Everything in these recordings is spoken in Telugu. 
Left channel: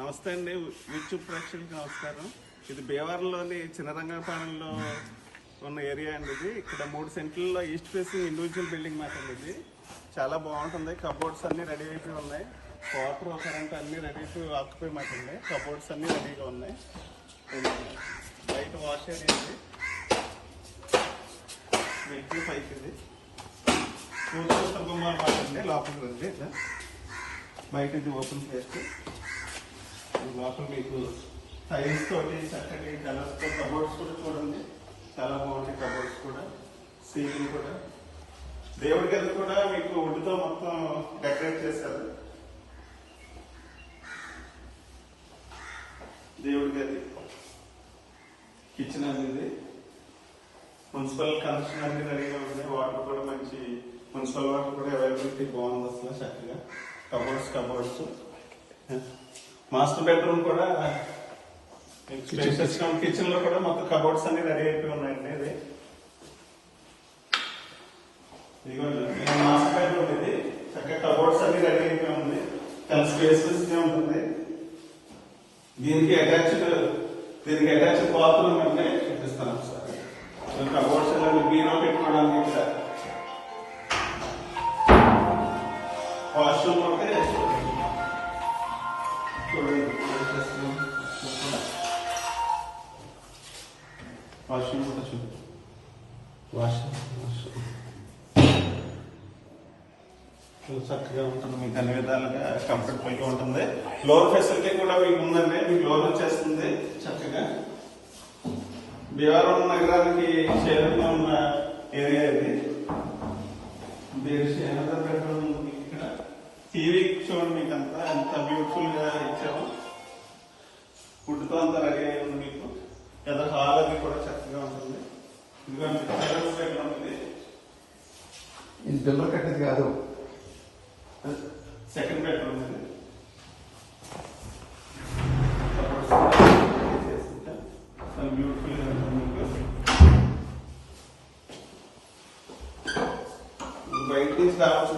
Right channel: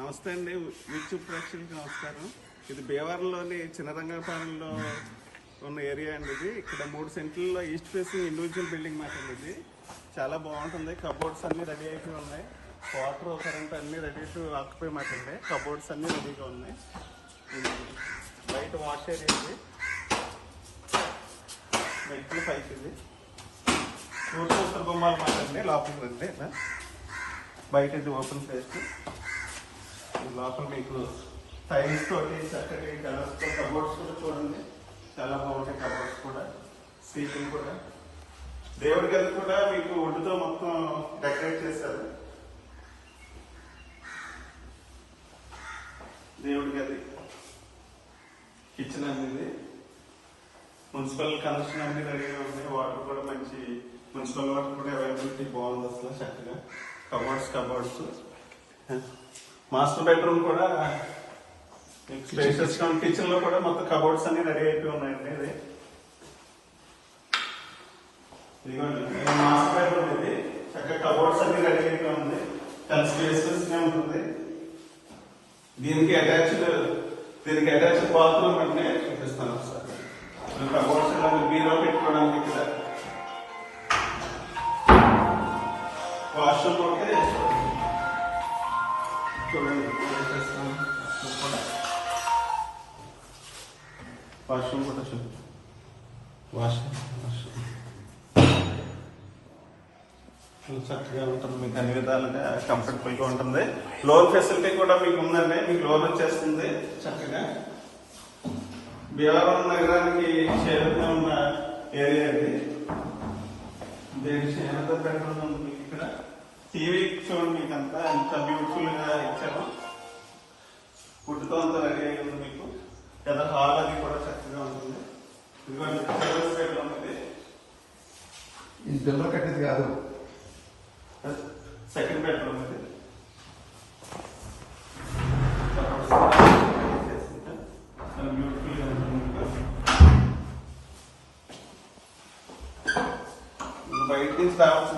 నమస్తే అండి, యూట్యూబ్ ప్రేక్షకులకు నమస్కారం. ఇది భీమవరంలోని చిన్నరంగపాలెంలో ఉన్న ఏరియా అండి. ఇది ఇక్కడ 3 సెంట్లలో ఈస్ట్ ఫేసింగ్ ఇండివిజువల్ బిల్డింగ్ మాట అండి. ఇది చాలా బాగుంటుంది. కబోర్డ్స్ అన్ని రెడీ అయిపోయి ఉన్నాయి. వాటర్ కరెంట్ అన్ని రెడీ టు ఆక్యుపై మాట అండి. కబోర్డ్స్ అన్ని రెడీగా ఉన్నాయి. బయట వాష్ ఏరియా ఇది, మెట్లు పైకి ఇది సూత్ర గుమ్మాలు మాట అండి. లోపలికి రండి. బయట ఇది ఓపెన్ ప్లేస్. లోపల మీకు టైల్స్ తోటి చక్కటి కలర్స్ తో కబోర్డ్స్ కూడా చూడండి, చాలా బాగుంటాయి. కబోర్డ్స్ కూడా, సీలింగ్ కూడా, దేవుడి గది కూడా మీకు వుడ్ తో మొత్తం డెకరేట్ చేశారు. దేవుడి గది, కిచెన్ అనేది మున్సిపల్ కనెక్షన్ అన్ని రెడీగా ఉంది. వాటర్ కూడా మంచి మున్సిపల్ వాటర్ కూడా అవైలబిలిటీ బాగుంది. అసలు చక్కగా కబోర్డ్స్ మాస్టర్ బెడ్రూమ్ కూడా స్పేషియస్ కిచెన్ లో కూడా మొత్తం కబోర్డ్స్ అన్ని రెడీ అయిపోయి ఉన్నాయండి. ఇది మాస్టర్ బెడ్రూమ్. ఇది చక్కగా కబోర్డ్స్ అన్ని రెడీ అయిపోయి ఉంది. చాలా స్పేషియస్ గా ఉంటుంది. దీనికి అటాచ్డ్ బాత్రూమ్ అంటే చూపిస్తాను ఒకసారి. కబోర్డ్స్ బీరో పెట్టుకోవడానికి వాష్రూమ్ అయితే వాష్రూమ్ కూడా చూడండి. చక్కగా ఉంటుంది. మీకు అన్ని విధాలుగా కంఫర్టబుల్ గా ఉంటుంది. లోన్ ఫెసిలిటీ కూడా మీకు ఉందండి. మీకు లోన్ వచ్చేస్తుంది చక్కగా. భీమవరం నగరానికి చేరుతూ ఉన్న ఏరియా ఇది. ఇక్కడ టీవీ చూడండి, మీకు అంతా ఎంత బ్యూటిఫుల్ గా ఇచ్చాము. ఫుడ్ తో అంతా రెడీ అయి ఉంది. మీకు ఏదో హాల్ అది కూడా చక్కగా ఉంటుంది. ఇది బిల్లు కట్టేది కాదు, సెకండ్ బెడ్రూమ్ ఇది. బ్యూటిఫుల్ గా ఉంటుంది. బయట నుంచి రావచ్చు.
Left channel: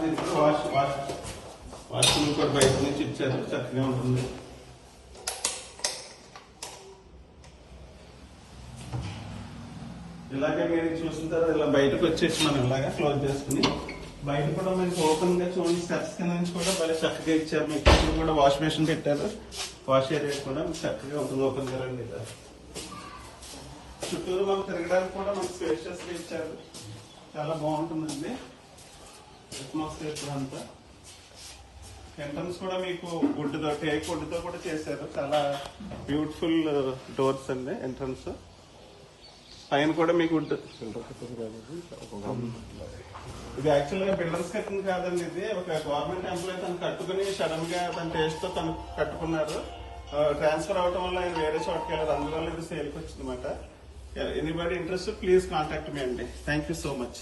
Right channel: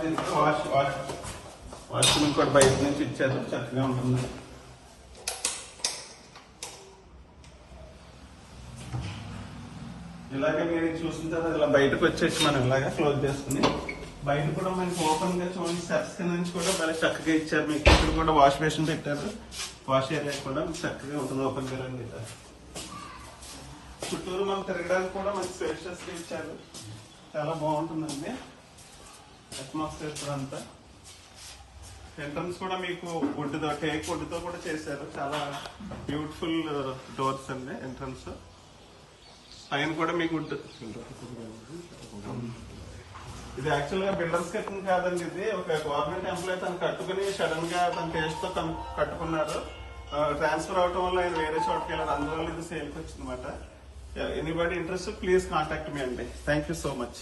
వాష్రూమ్ కూడా బయట నుంచి ఇచ్చారు, చక్కగా ఉంటుంది. ఇలాగే మీరు చూసిన తర్వాత ఇలా బయటకు వచ్చేసి మనం ఇలాగా క్లోజ్ చేసుకుని బయట కూడా మీకు ఓపెన్ గా చూడండి. స్టెప్స్ కింద నుంచి కూడా చాలా చక్కగా ఇచ్చారు. మీకు ఇక్కడ కూడా వాష్ బేసిన్ పెట్టారు. వాష్ ఏరియా కూడా చక్కగా ఉంటుంది. ఓపెన్ గా పెట్టారు. చుట్టూరు మనం తిరగడానికి కూడా మనకి స్పేషియస్ గా ఇచ్చారు. చాలా బాగుంటుందండి అట్మాస్ఫియర్ కూడా అంతా. ఎంట్రన్స్ కూడా మీకు టేక్ వుడ్ తో కూడా చేశారు. చాలా బ్యూటిఫుల్ డోర్స్ అండి. ఎంట్రన్స్ పైన కూడా మీకు ఇది యాక్చువల్ గా బిల్డర్స్ కట్టిన కాదండి. ఇది ఒక గవర్నమెంట్ ఎంప్లాయీ తను కట్టుకుని సడన్ గా తన టేస్ట్ తో తను కట్టుకున్నారు. ట్రాన్స్ఫర్ అవటం వల్ల ఆయన వేరే చోటకి వెళ్ళారు. అందువల్ల ఇది సేల్కి వచ్చింది అనమాట. Anybody interest please contact me అండి. Thank you so much.